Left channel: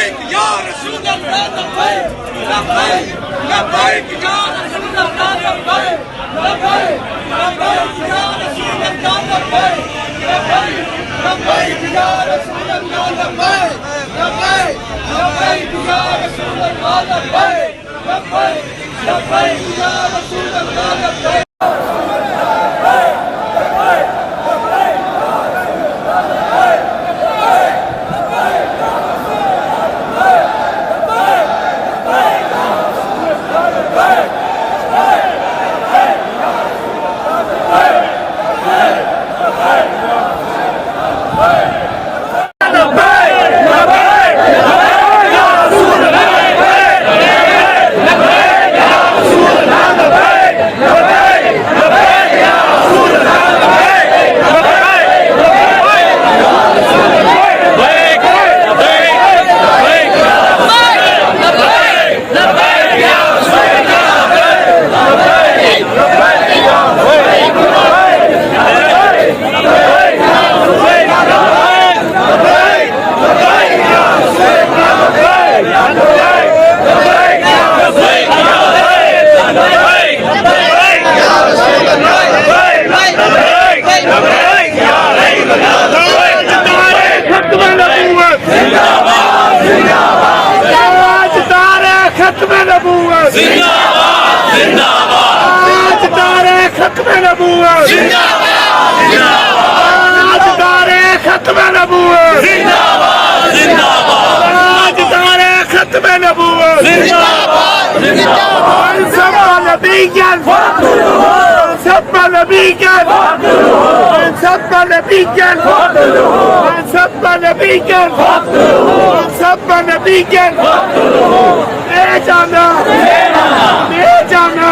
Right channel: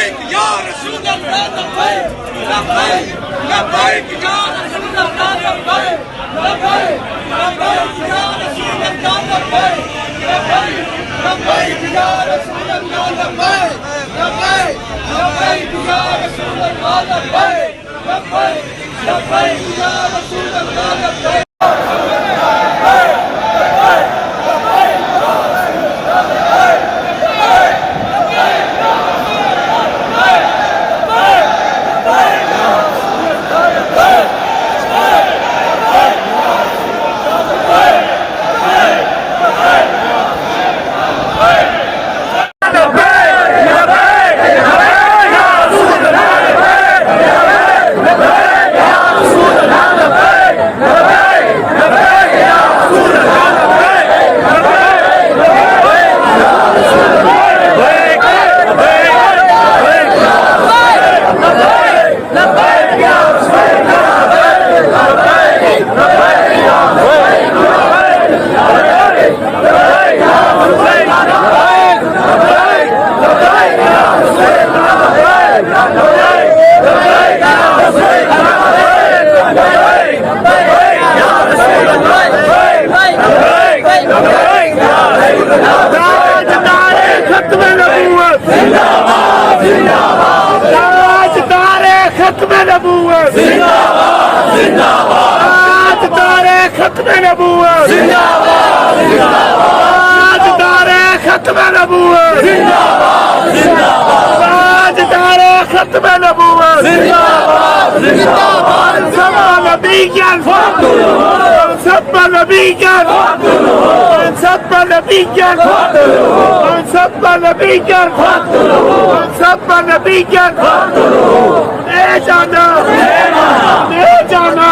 لبيك يا رسول الله لبيك لبيك لبيك يا رسول الله لبيك لبيك لبيك يا رسول الله لبيك لبيك لبيك يا رسول الله لبيك لبيك لبيك يا رسول الله لبيك لبيك لبيك يا رسول الله لبيك खत्म नबूवत जिंदाबाद जिंदाबाद आज तारीख खत्म नबूवत जिंदाबाद जिंदाबाद आज तारीख खत्म नबूवत जिंदाबाद जिंदाबाद आज तारीख खत्म नबूवत जिंदाबाद जिंदाबाद सब नबी क्या सब नबी क्या सब नबी क्या सब नबी क्या सब नबी क्या जाना